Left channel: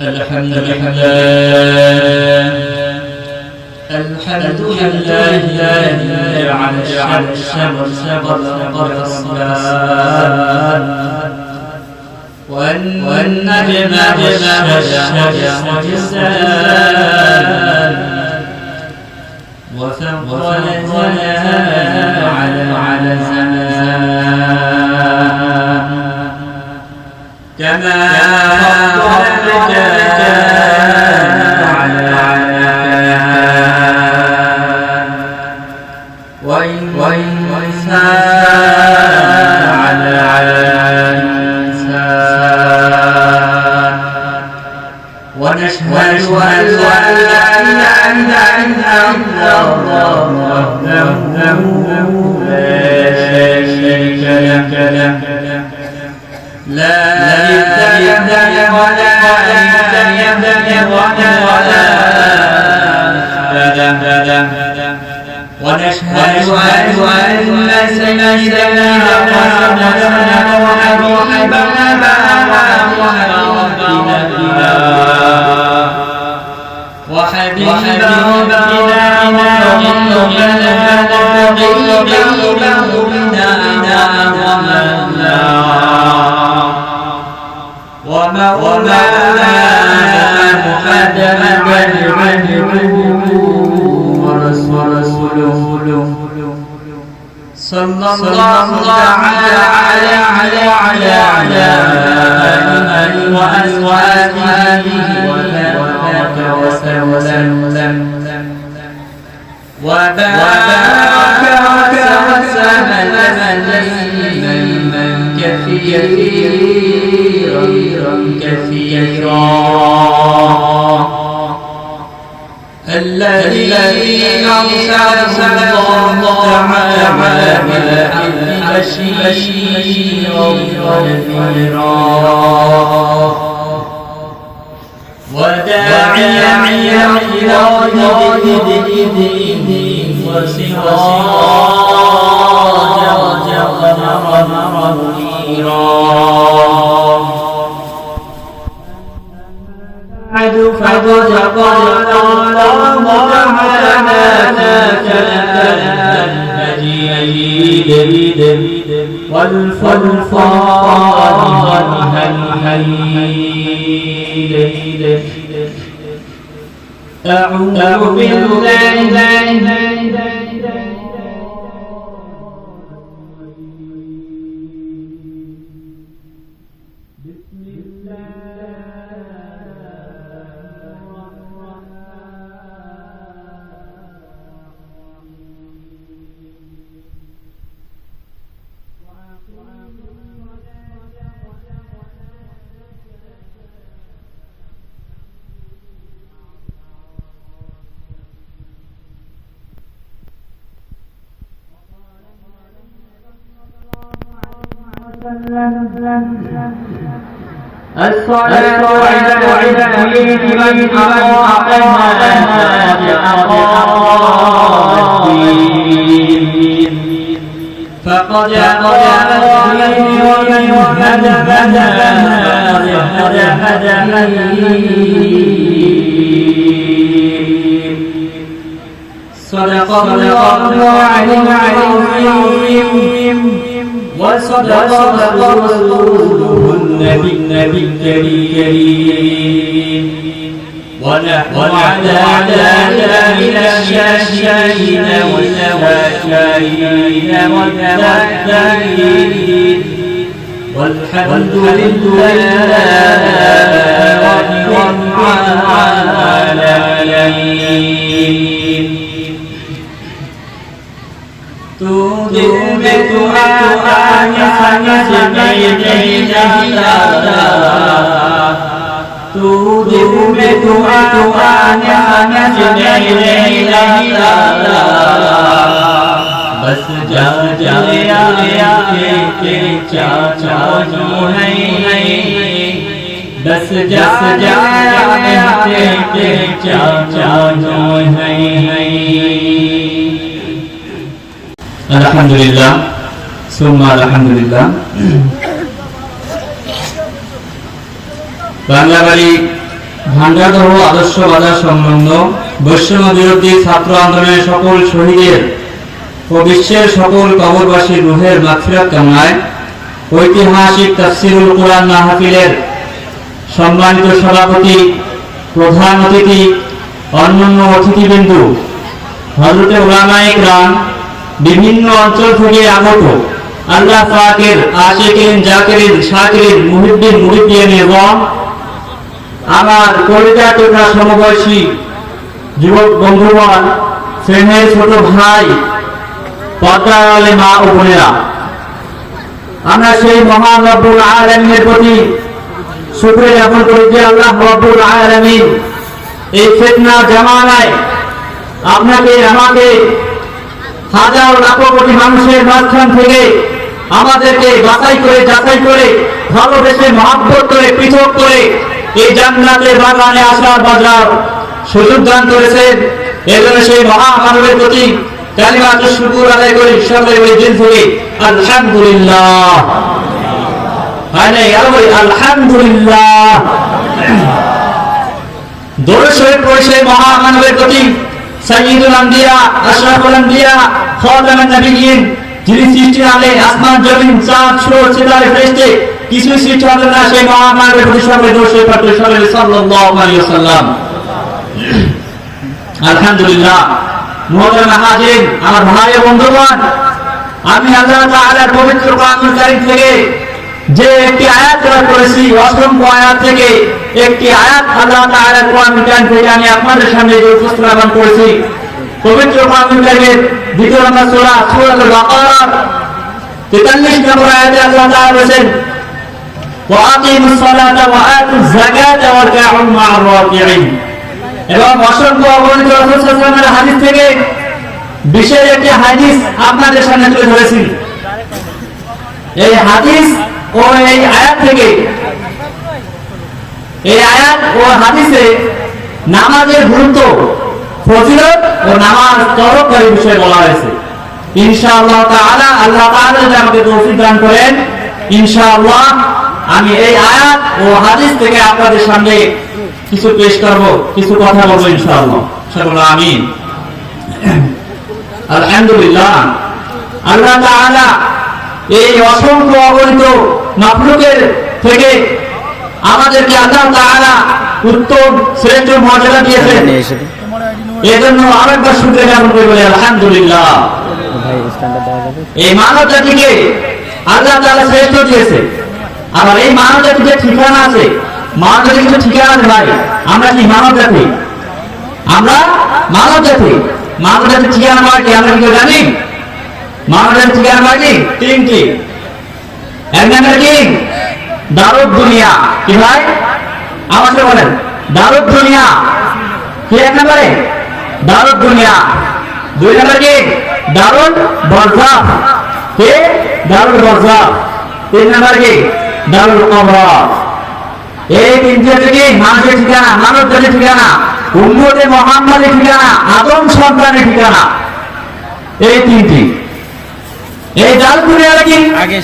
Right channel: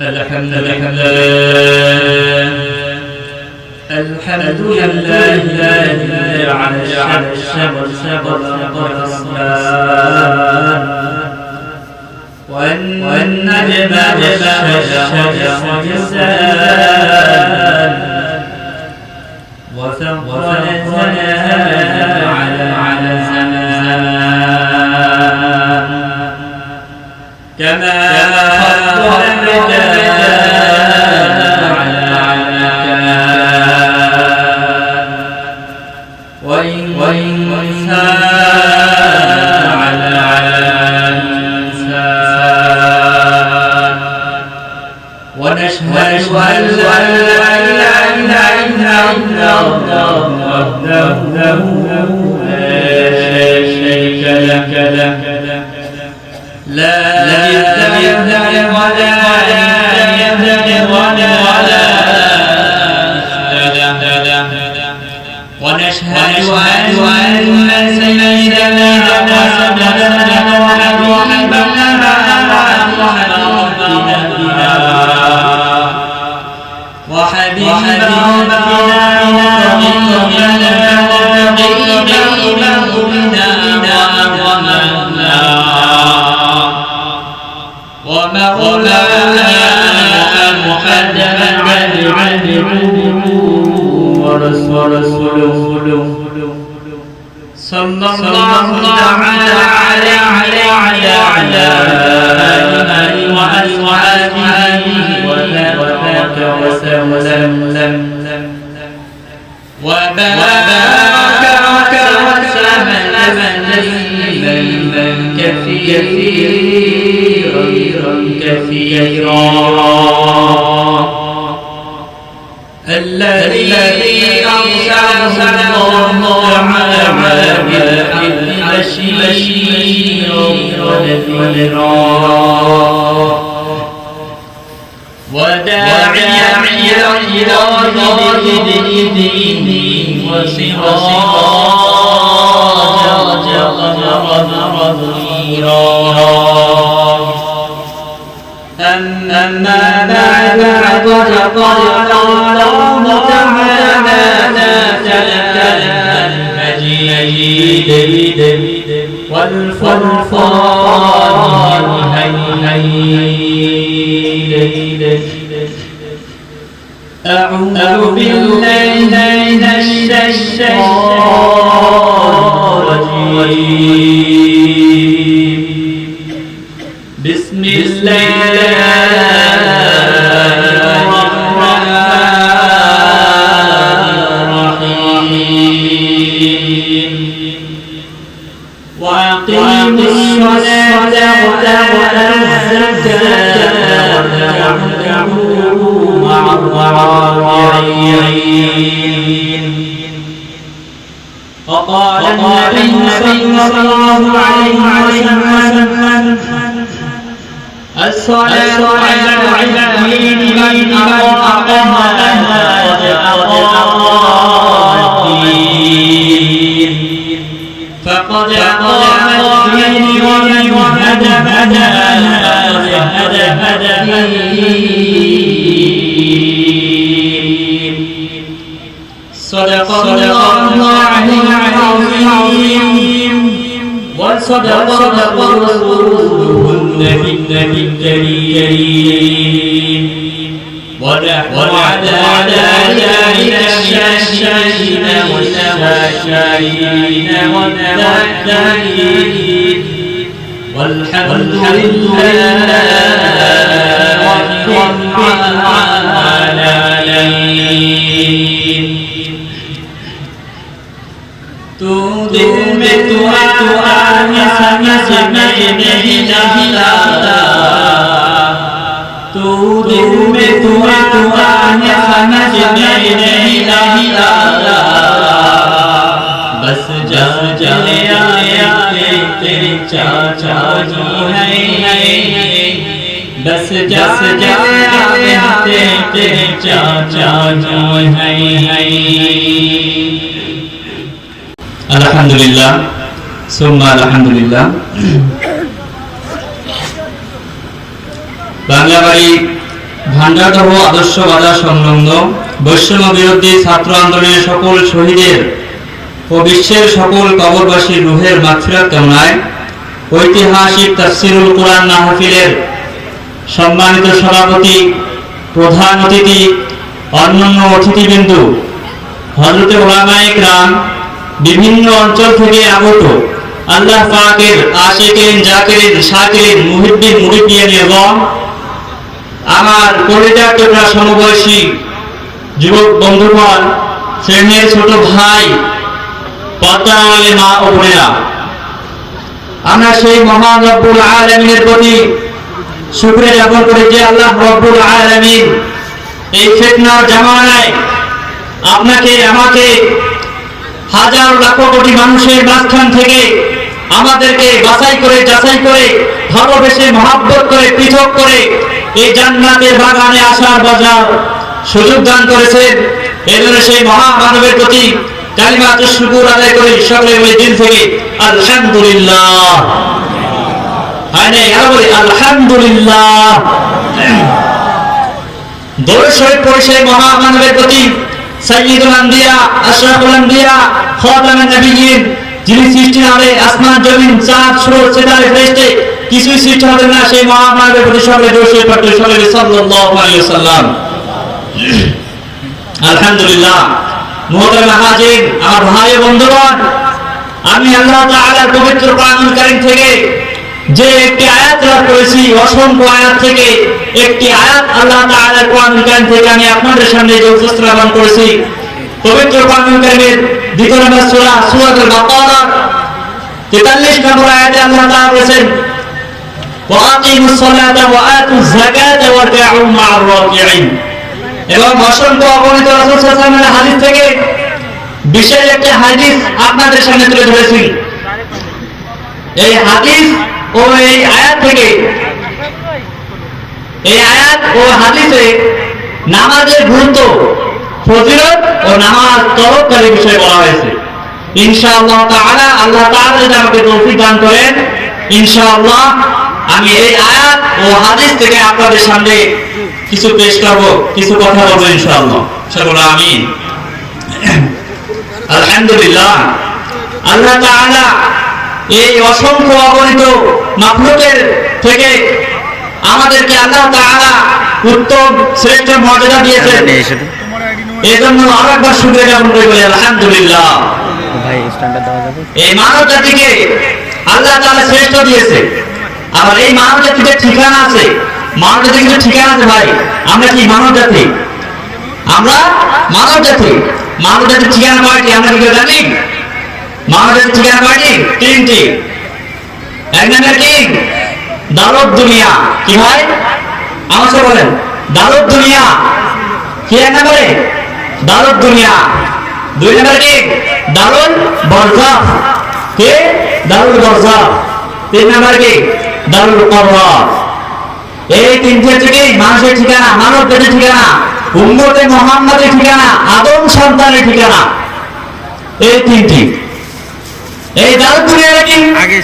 الحمد لله الحمد لله الذي على الشمس والقمر والسماء والنجم والشجر والجسام وفقر الزمان على على الزمان كما فضل ومولانا محمدا عبده ورسوله صلى الله تعالى عليه وعلى على آله وأزواجه وبارك وسلم كثيرا كثيرا الذي أرسله الله تعالى بالحق بشيرا ونذيرا وداعيا الله بإذنه وسراجا قمرا منيرا أما بعد فقد قال الله تعالى والفرقان الحميد أعوذ بالله صدق الله العظيم وصدق رسوله النبي الكريم والعدالات الشاشين والنواشين والنواشين والحمد لله رب العالمين تؤمن أن يسمى إليه tu du me tu a tu a nya nya nya बस जा जा ले आ ले आ चा चा जो नहीं नहीं बस जा जा ले आ ले ले चा चा जो नहीं नहीं अल्हम्दुलिल्लाह सुम्मा अल्हम्दुलिल्लाह বাড়ি ভাঙ্গাদহ আদর্শ বাজার সংলগ্ন বৈষম্য বিরোধী ছাত্র আন্দোলনের সকল শহীদের ও বিশ্বের সকল কবরবাসীর রুহের মাগফিরাত কামনায় ঐতিহাসিক তাফসিরুল কোরআন মাহফিলের সম্মানিত সভাপতি, প্রধান অতিথি, অন্যান্য অতিথিবৃন্দু হজরতে ওলামায়ে রাম বিভিন্ন অঞ্চল থেকে আগত আল্লাহ পাকের আশেকেন জাকেরিন শাকিরিন মুহিদ্দিন মুরিদ্দিয়ান এবং আমার কলেজা টুকরা সমবয়সী যুবক বন্ধুগণ শ্রেণির ছোট ভাই পদ্মালে মা ও বোনেরা, আমরা সেই মহান রব্বুল আলমিনের প্রতি শুক্রিয়া জ্ঞাপন করি যে আল্লাহ রব্বুল আলমিন এই ফেতনা জামানায় আপনাকে, আমাকে হাজার লাখ কোটি মানুষের মাঝখান থেকে আমাদেরকে বাছাই করে, যাচাই করে, ভালোবেসে মহাব্বত করে, পৃথক করে এই জান্নাতের বাগানে আসার বাজার সুযোগ দান করেছেন। এজন্য সেই মহামানবের প্রতি কালিমাত শুকুর আদায় করি সকলে বলে দিন থেকে আলহামদুলিল্লাহ। বলি, আলহামদুলিল্লাহ। পড়েছে মহামানবের প্রতি যিনি আলে আসমান, জমিন, চাঁদ, সূর্য, সিতারে কিছু সৃষ্টি হবে না সেই মহামানবের প্রতি সকলে সকলে সাল্লাল্লাহু আলাইহি ওয়াসাল্লাম। আলহামদুলিল্লাহ, মুহতারাম হাজিরিন আমার ভাই বন্ধুগণ, আমি আল্লাহ তাআলার পবিত্র কোরআনুল কারীম থেকে যে একটি আয়াত তেলাওয়াত করেছি, অসংখ্য আয়াত থেকে একটি আয়াত আল্লাহ তাআলার কোরআনুল কারীম থেকে আমি আপনাদের সামনে যে উপস্থাপন করেছি, পবিত্র কোরআনুল কারীমের দ্বিতীয় নম্বর সূরা, সূরাতুল বাকারা। 43 নম্বর আয়াতে আল্লাহ তাআলা বলেছেন এবং হাদিস থেকে বিশেষ হাদিস আপনাদের সামনে তুলে ধরেছি। এই হাদিস ও এই আয়াত থেকে, এই আয়াত ও হাদিসে নামাজের গুরুত্ব, ফজিলত ও নামাজ তরক করে বিষয়ে বলা হয়েছে। ইনশাআল্লাহ তাআলা আল্লাহ তাআলা যদি আমাকে তৌফিক দান করেন, ইনশাআল্লাহ আমি এই আয়াত ও হাদিস থেকে আপনাদের সামনে কিছু পেশ করব কিছু কথা বলব ইনশাআল্লাহ। সকলে আমিন। আলহামদুলিল্লাহ। আল্লাহ তাআলা এই অসংখ্য অগণিত মাফলুকের থেকে আমাদেরকে আল্লাহ তাআলা উত্তম শ্রেষ্ঠ মর্যাদা দিয়েছেন। এই জন্য আরেকবার শুক্রিয়া জ্ঞাপন করে আলহামদুলিল্লাহ। ভাই স্ট্যান্ডার্ড দেওয়া যাবে। এই মানব জাতিকে আল্লাহ তাআলা শ্রেষ্ঠ দিয়েছে আবার এই মানব জাতির যে ঠিকানা আছে। মানব জাতির কিছু ঠিকানা আছে ভাই। আমরা কি মানব জাতি আমরা মানব জাতি মানব জাতির ঠিকানা কয়টি? আমরা কি জানি? মানব জাতির ঠিকানা কয়টি? তিনটি। এক নাম্বার কি? দারুদ দুনিয়া। কি ভাই? আমার বলেন। দারুদ দুনিয়া। কি এক নম্বরে? দারুদ দুনিয়া। দুই নম্বর কি? দারুল বরজাখ কে? দারুল বরজাখ তিন নম্বর কি? দারুল কবর। এই তিনটি কি মানুষের ঠিকানা মানব জাতির ঠিকানা উম্মতে মোহাম্মদের ঠিকানা আদম সন্তানের ঠিকানা। এই তিনটি। এই দারুল দুনিয়াটা কি আগে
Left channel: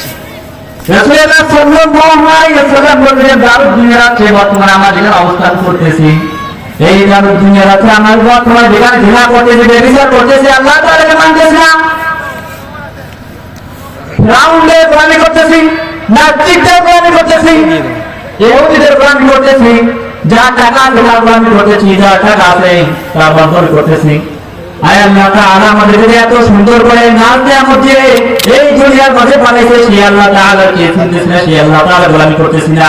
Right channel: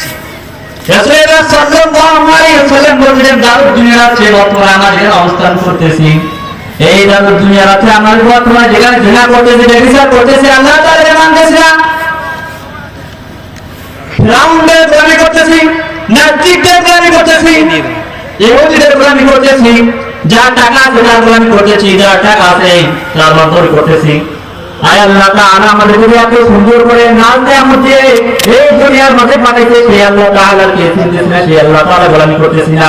রাসূলুল্লাহ সাল্লাল্লাহু আলাইহি ওয়াসাল্লাম বলেছেন দারুদ দুনিয়া আছে বর্তমানে আমরা যেখানে অবস্থান করতেছি এই দারুদ দুনিয়া আছে আমার বর্তমানে যেখানে ঘৃণা করতেছি ব্যভিচার করতেছি আল্লাহ তাআলাকে মানতেছি না। রাউন্ডে গোলামি করতেছি নাস্তিকদের গোলামি করতেছি ইহুদিদের গোলামি করতেছি, যা টাকা আছে তার গোলামি করতেছি, যা টাকা আছে, তার নকল করতেছি। আয় আল্লাহ তাআলা আমাদের যদি এত সুন্দর করে নাম দেয়া হচ্ছে, এই দুনিয়ার মাঝে বানাইছে, সেই আল্লাহ করতেছি না।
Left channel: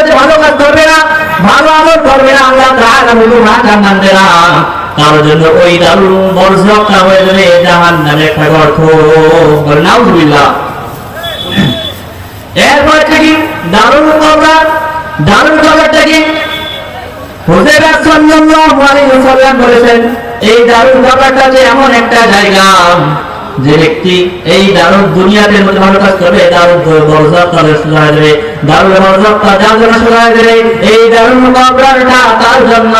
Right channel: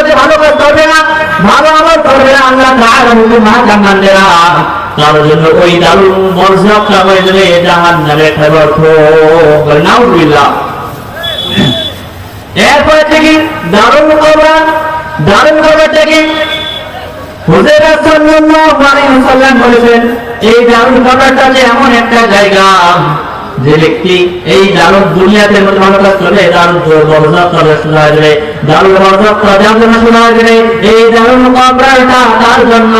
মধ্যে ভালো কাজ করবে না, ভালো আমল করবে না আল্লাহ তাআলা মা কান্নান দেনা তার জন্য ওই হয়ে যাবে নাউজুবিল্লাহ। এরপর থেকে কবর কবর থেকে বলেছেন, এই দারুল কবরটা এমন একটা জায়গা যে ব্যক্তি এই দারুল দুনিয়াতে কাজ করবে দারুল বরজাত তাহলে শোনা যাবে দারুল বরজাত তাহলে শোনা যাবে, এই দারুল কবরটা তার জন্য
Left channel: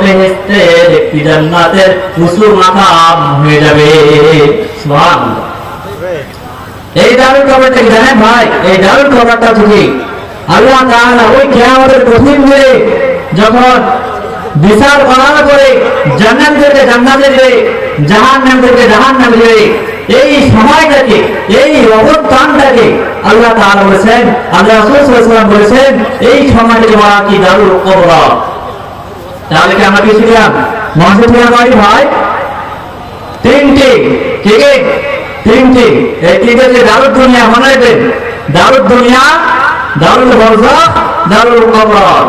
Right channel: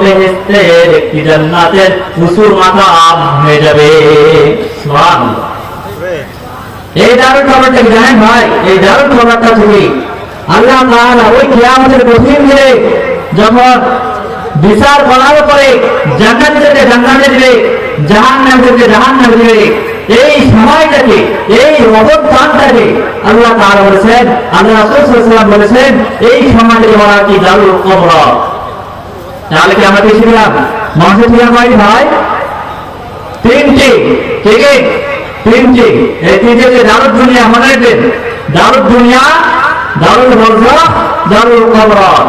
বেহেশতে একটি জান্নাতের মুসুর মাকাম হয়ে যাবে। এই দারুল কবরটা কি জানেন ভাই, এই দারুল কবরটা থেকে আল্লাহ তাআলা ওই কিয়ামতের কঠিন দিনে যখন বিচার করার পরে জান্নাতদেরকে জান্নাতে দিবে জাহান্নামদেরকে জাহান্নামে দিবে এই সময়টাকে এই অবদানটাকে আল্লাহ তাআলা বলেছেন, আল্লাহ সাল্লাল্লাহু বলেছেন, এই সময়টাকে বলা কি দারুল কবর। তাহলে কি আমরা কিছু দিলাম মঞ্চে তুলে নয় ভাই? তিনটি, ঠিক তিনটি। এই তিনটে যে দারুদ দুনিয়া মনে রাখবেন দারুদ দুনিয়া, দারুল বরজা, দারুল কবর।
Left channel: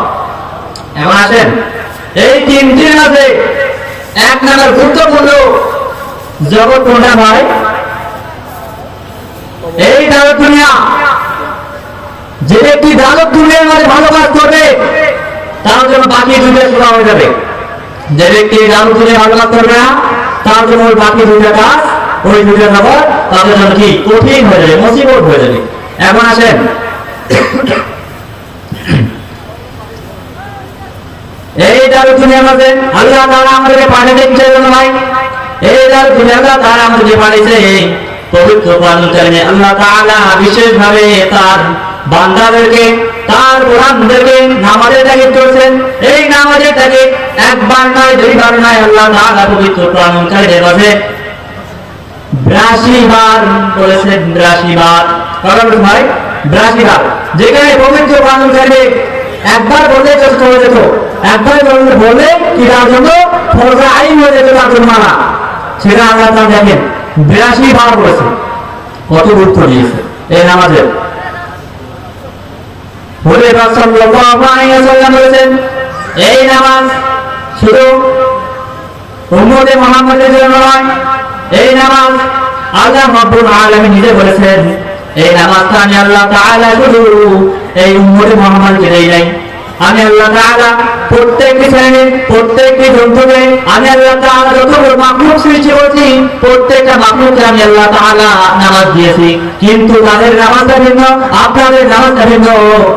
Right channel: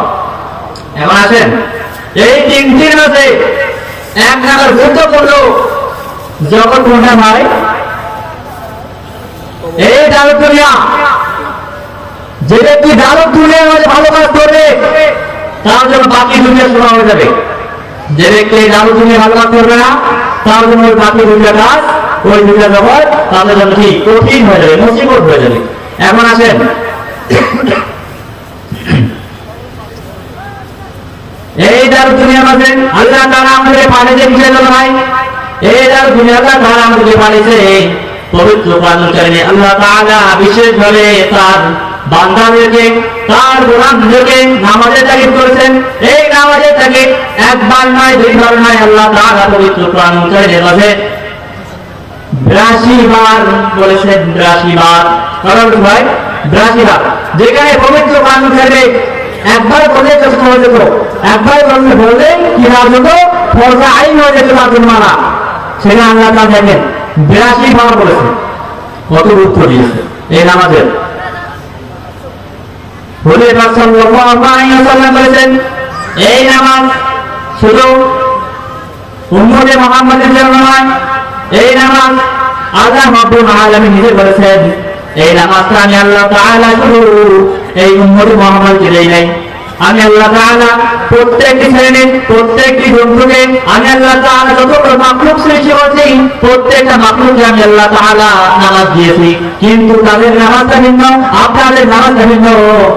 এখন আসেন। এই তিনটির মধ্যে এক নাম্বার গুরুত্বপূর্ণ জগৎ কোনটা ভাই? এই দারুদ দুনিয়া। যে ব্যক্তি দারুদ দুনিয়ার মধ্যে ভালো কাজ করবে, তার জন্য বাকি দুনিয়া শোনা হয়ে যাবে। যে ব্যক্তি দারুদ দুনিয়া ভালো কাজ করবে না, তার জন্য ওই বাকি দুনিয়া কাজ, ওই দুনিয়া জগৎ, তাদের জন্য কি? কঠিন হয়ে যাবে, মুসিবত হয়ে যাবে। এখন আসেন। এই দারু দুনিয়ার মাঝে আল্লাহ তাআলা আমাদেরকে পানি দিচ্ছে নাই। এই দারু দুনিয়া আল্লাহ তাআলা আমাদেরকে পানিছে পবিত্র প্রাণকারণে আল্লাহ তাআলা বিশেষভাবে তার বান্দাদেরকে, তার গোলামদেরকে নামাজের তাগিদ করেছেন। এই নামাজের তাগিদ একবার নয় দুইবার নয় আল্লাহ তাআলা পবিত্র প্রাণকারণে মাঝে বিরাশি বার বলেছেন বিরাশি বার কথা বলছি ভাই? বিরাশি বার যেখানে পবিত্র খেলে একবার বলে চেষ্টা হয়ে যেত। একবার বললে বলে কি তার জন্য? ফরজা আইন হয়ে যেত তার মারা সেটা আল্লাহ তা দেখেন। বিরাশি বার বলেছে কত গুরুত্ব দিয়েছে? এই নামাজের। বলে সাল্লাল্লাহু আলাইহি ওয়াসাল্লাম বলেছেন, এই নামাজ শুধু উম্মতে মুহাম্মাদের জন্য নয়, এই নামাজ আল্লাহ রাব্বুল আলামিন নিজে বলেছেন, এই নামাজকে আমি আল্লাহ তাআলা শুধু এই উম্মতে মুহাম্মাদকে দেই নাই। আমি আল্লাহ তাআলা প্রত্যেকটি শ্রেণির প্রত্যেকটি গ্রন্থকে আমি আল্লাহ তাআলা যতগুলো মাখলুক সৃষ্টি করেছি, প্রত্যেকটা মাখলুককে আমি আল্লাহ তাআলা নামাজ দিয়েছি। কিন্তু তাদের নামাজটা ভিন্ন, আপনাদের নামাজটা ভিন্ন,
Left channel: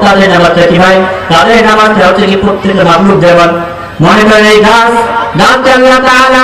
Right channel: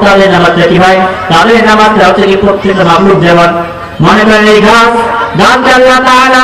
তাদের নামাজটা কি ভাই? তাদের নামাজটা হচ্ছে কি প্রত্যেকটা মাখলুক যেমন মনে করেন এই গাছ, গাছকে আল্লাহ তাআলা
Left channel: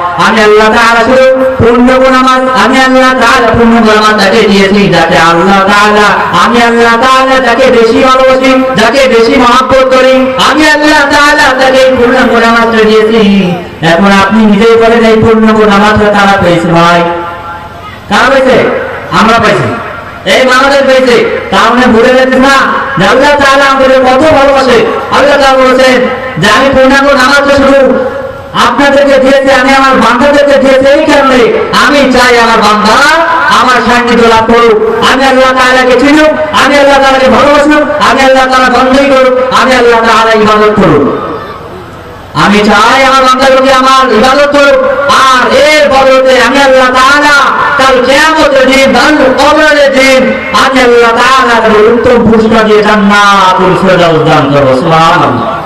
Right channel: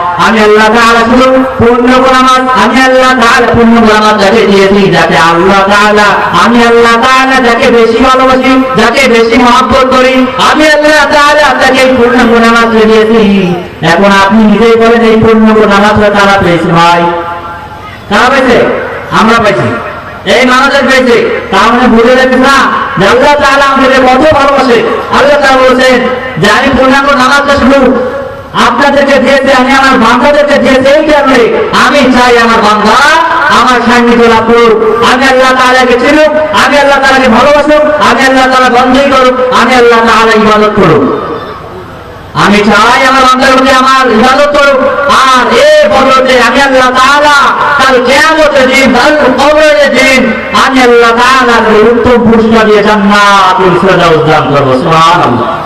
আমি আল্লাহ তাআলা শুধু পূর্ণগ নামাজ আমি আল্লাহ তাআলা পূর্ণগ নামাজ যাকে দিয়েছি যাতে আল্লাহ তাআলা, আমি আল্লাহ তাআলা যাকে বেশি ভালোবাসি, যাকে বেশি মহব্বত করি, আমি আল্লাহ তাআলা তাকে পূর্ণগ নামাজ দিয়েছি। এখন আপনি নিজেই বলেন, এই পূর্ণগ নামাজ কারা পেয়েছে ভাই? কারা পেয়েছে? আমরা পাইছি এই মানুষের পেয়েছে। তার মানে ভুলে গেছে না আল্লাহ তাআলা আমাদের কত ভালোবাসে। আল্লাহ তাআলা বলেছেন যে, আমি পূর্ণাঙ্গ নামাজটা শুরু আপনাদেরকে দিয়েছে, আমি আমার বান্ধাদেরকে দিয়েছে, এই কারণে আমি চাই আমার বান্ধা আমার সান্নিধ্য লাভ করুক। আমি আল্লাহ তাআলাকে চিনুক, আমি আল্লাহ তাআলাকে ভালোবাসুক, আমি আল্লাহ তাআলা বন্ধই করুক, আমি আল্লাহ তাআলা ইবাদত করুক। আমি চাই আমার বান্দাগুলোকে আমার ইবাদত করুক। আর এই বদলতে আমি আল্লাহ তাআলা কাল কিয়ামতের দিন, কাল কবরের দিন, আমি আল্লাহ তাআলা উত্তম পুরস্কার দিয়ে জান্নাতুল ফেরদাউস দান করব, সুবহানাল্লাহ।